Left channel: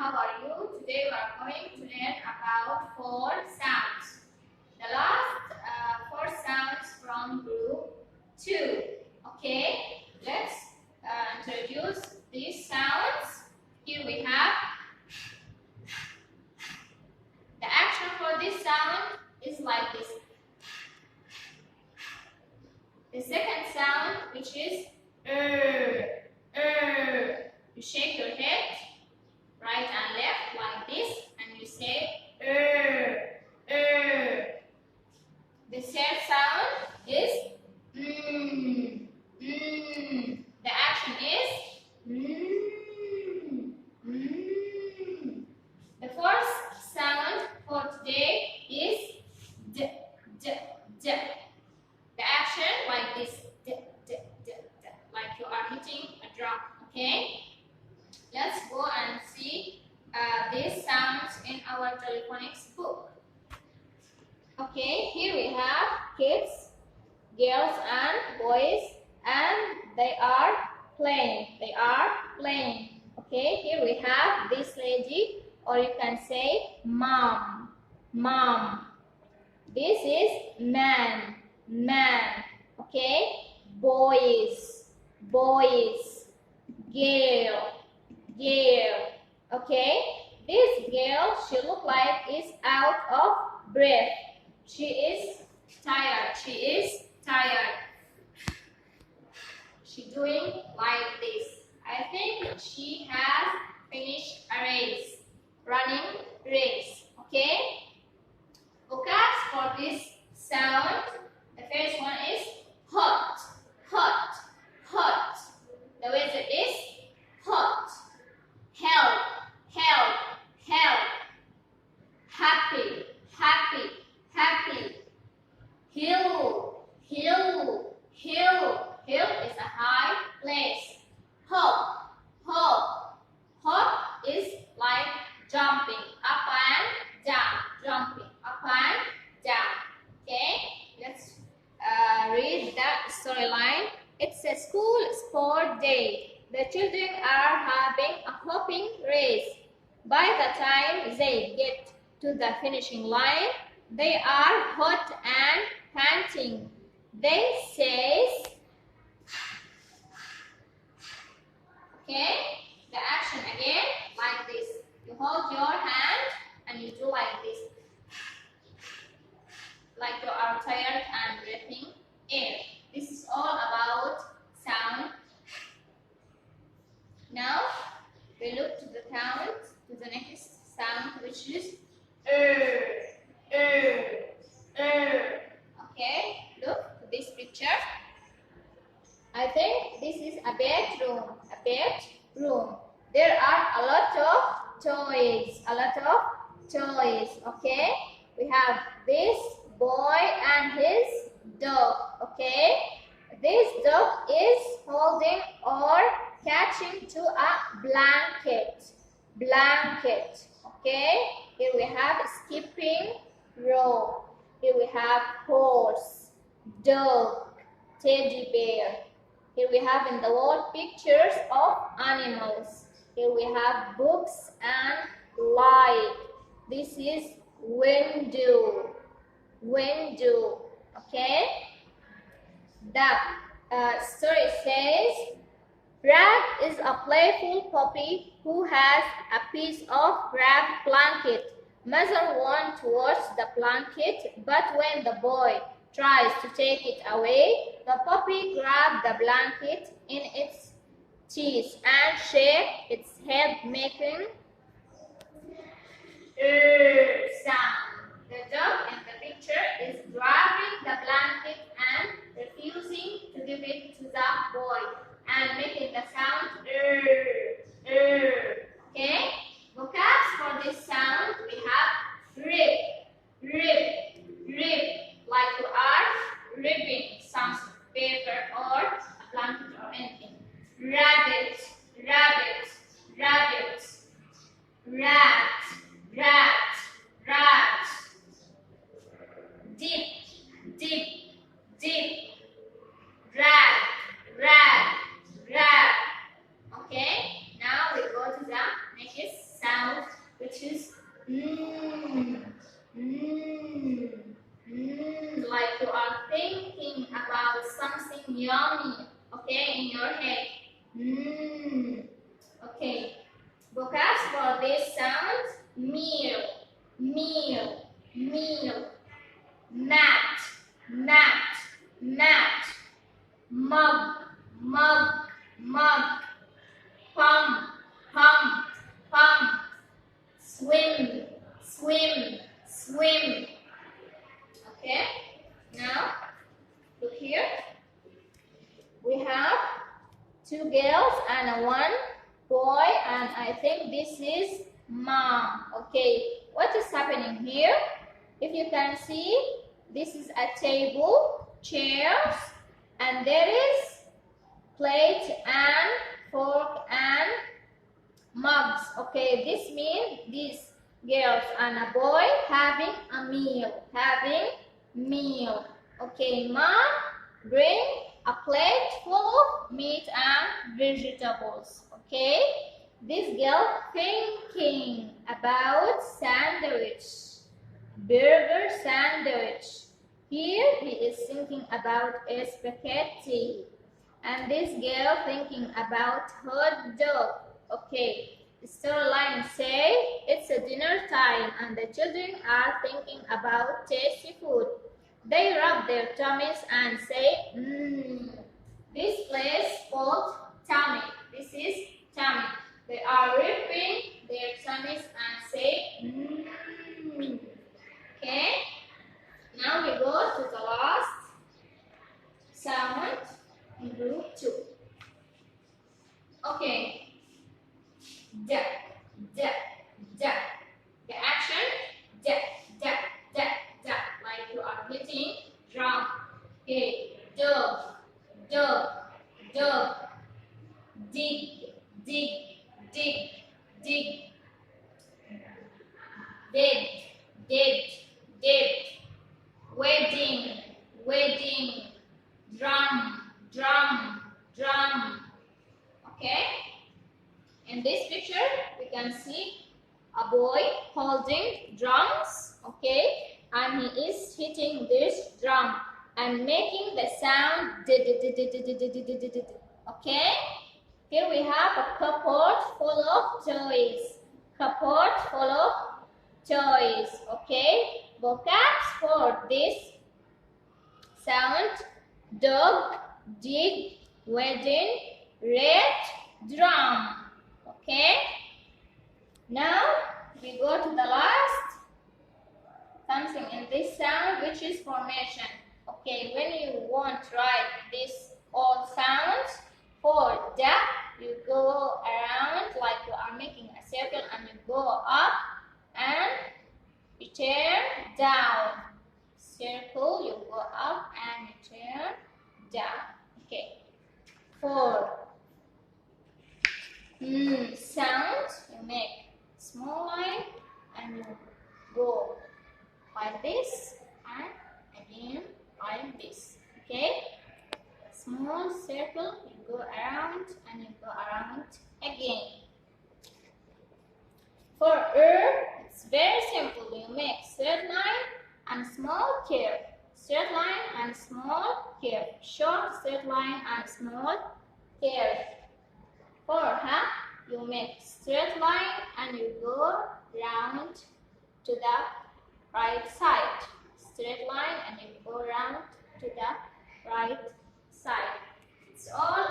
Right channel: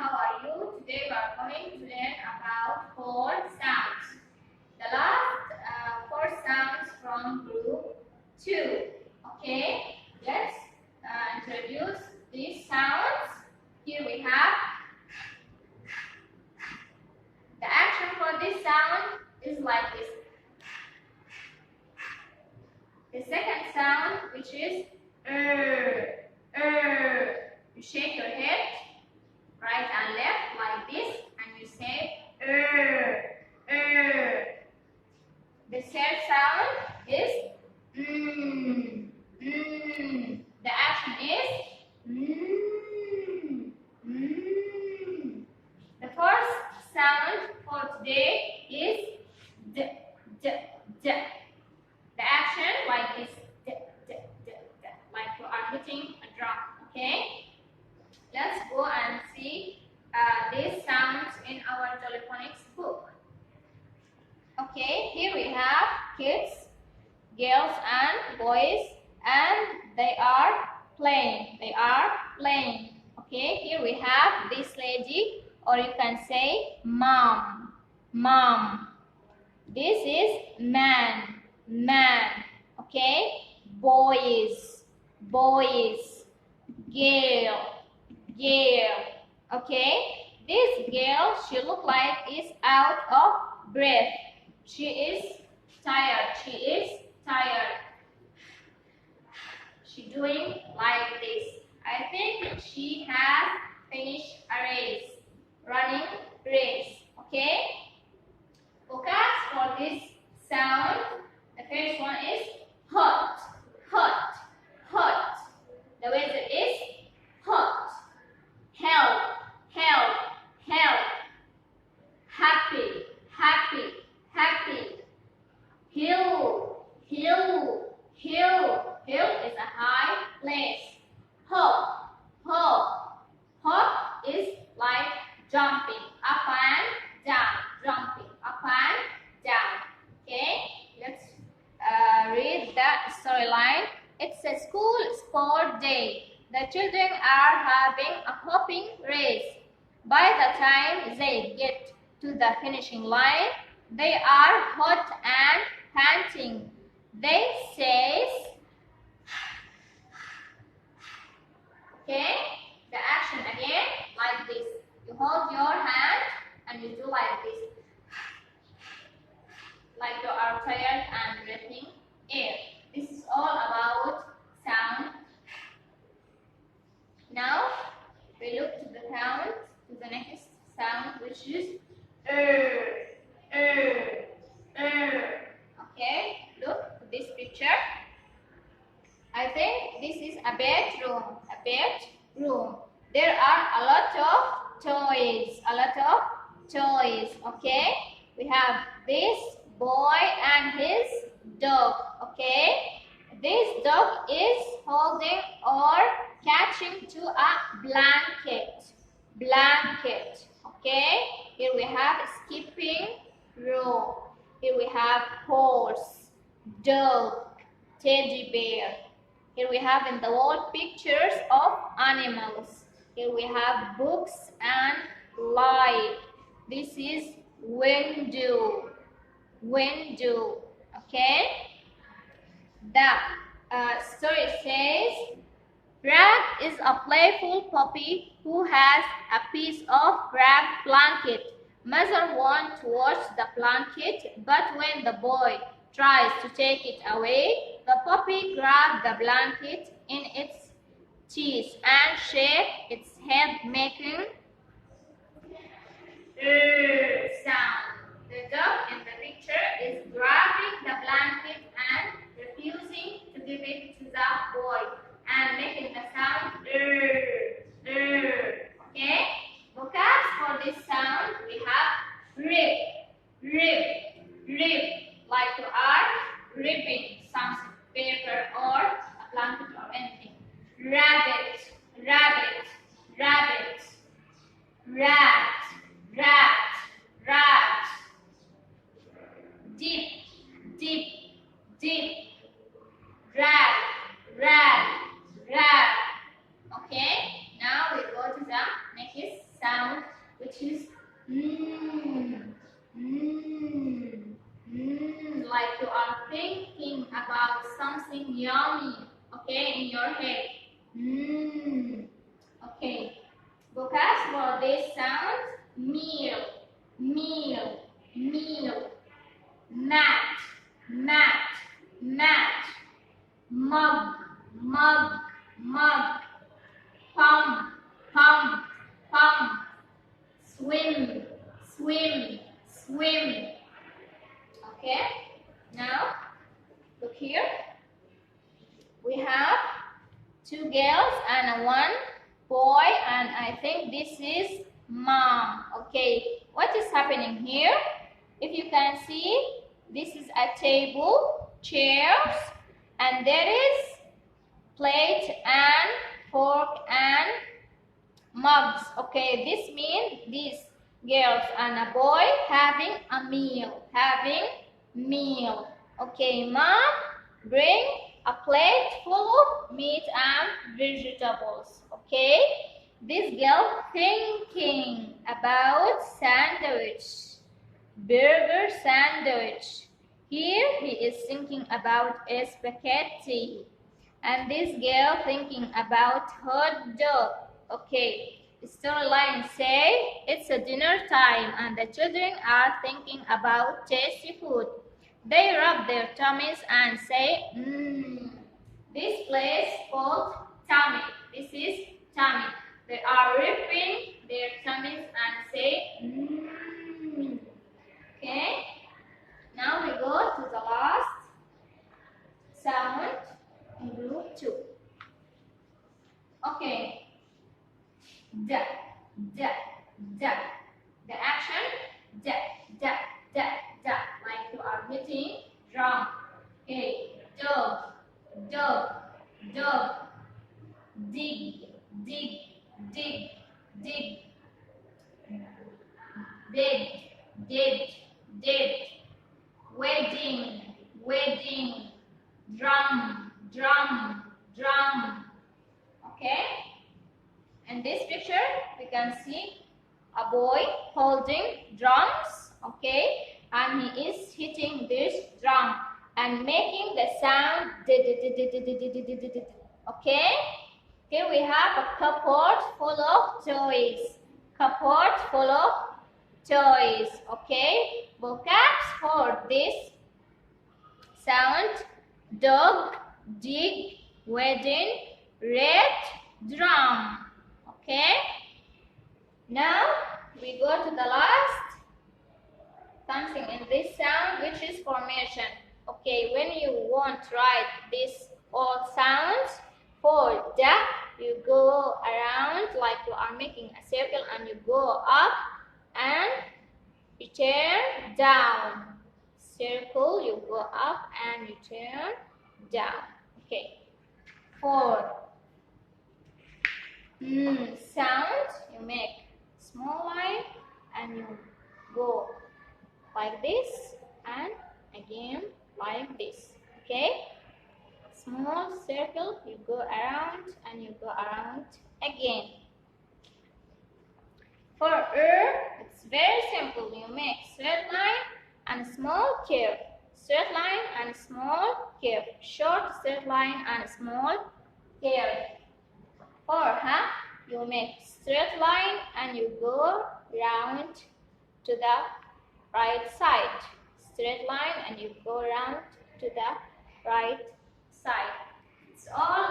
how are you? Today we are going to learn about four sounds. The last four sounds from group 2. Okay, let's introduce these sounds. Here we have the action for this sound is like this. The second sound, which is you shake your head right and left like this, and you say The third sound is The action is The fourth sound for today is d. The action like this, like you are hitting a drum. Okay, let's go and see these sounds in our phonics book. Okay, here we have kids, girls and boys, and they are playing. Okay, here we have this lady, or you can say mom. This is man. Okay, boys, girl. Okay, this girl, she look like is out of breath. She is tired. She doing like this. I think she has finished a race, running race. Okay, focus for this sound. The first one is hot. The weather is hot. Help. Happy. Hill is a high place. Hop is like jumping up and down. Okay, let's read the storyline. It's a school sport day. The children are having a hopping race. By the time they get to the finishing line, they are hot and panting. They say, okay, the action again like this. You hold your hand and you do like this, like you are tired and breathing air. This is all about sound. Now we look to the next sound, which is Okay, look to this picture. I think this is a bedroom. There are a lot of toys. Okay, we have this boy and his dog. Okay, this dog is holding or catching to a blanket. Okay, here we have skipping rope. Here we have horse, dog, teddy bear. Here we have in the wall pictures of animals. Here we have books and light. This is window. Okay, the story says, Rag is a playful puppy who has a piece of rag blanket. Mother wants to wash the blanket, but when the boy tries to take it away, the puppy grabs the blanket in its teeth and shakes its head, making sound. The dog in the picture is grabbing the blanket and refusing to give it to the boy and making the sound Okay, vocabs for this sound we have rib, like you are ripping some paper or a blanket or anything. Rabbit, rat. Deep, drag. Okay, which is like you are thinking about something yummy, okay, in your head. Okay. Vocabs for this sound: meal, meal, meal, mat, mat, mat, mug, mug, mug, pump, pump, pump, swim, swim, swim. Okay, now look here. We have two girls and one boy, and I think this is mom. Okay, what is happening here? If you can see, this is a table, chairs, and there is plate and fork and mugs. Okay, this means these girls and a boy having a meal, Okay, mom bring a plate full of meat and vegetables. Okay, this girl thinking about sandwich, burger sandwich. Here he is thinking about a spaghetti, and this girl thinking about hot dog. Okay, storyline say it's a dinner time and the children are thinking about tasty food. They rub their tummies and say, This place called tummy. This is tummy. They are rubbing their tummies and say, Okay, now we go to the last sound in group 2. Okay, da, da, da. The action, da, da, da, da, like you are hitting drum. Okay, dog, dog, dog, dig, dig, dig, dig, dead, dead, dead, wedding, wedding, drum, drum, drum. Okay, in this picture we can see a boy holding drums, okay, and he is hitting this drum and making the sound. Okay, here we have a cupboard full of toys. Cupboard full of toys. Okay, vocabs for this sound: dog, dig, wedding, red, drum. Okay, now we go to the last something in this sound, which is formation. Okay, when you want to write this all sounds for da, you go around like you are making a circle and you go up and you turn down. Circle, you go up and you turn down. Okay, for sound, you make small line and you go like this and again like this. Okay, small circle, you go around and you go around again. For it's very simple. You make straight line and small curve, straight line and small curve, short straight line and small curve. For you make straight line and you go round to the right side. Straight line and you go round to the right side. It's all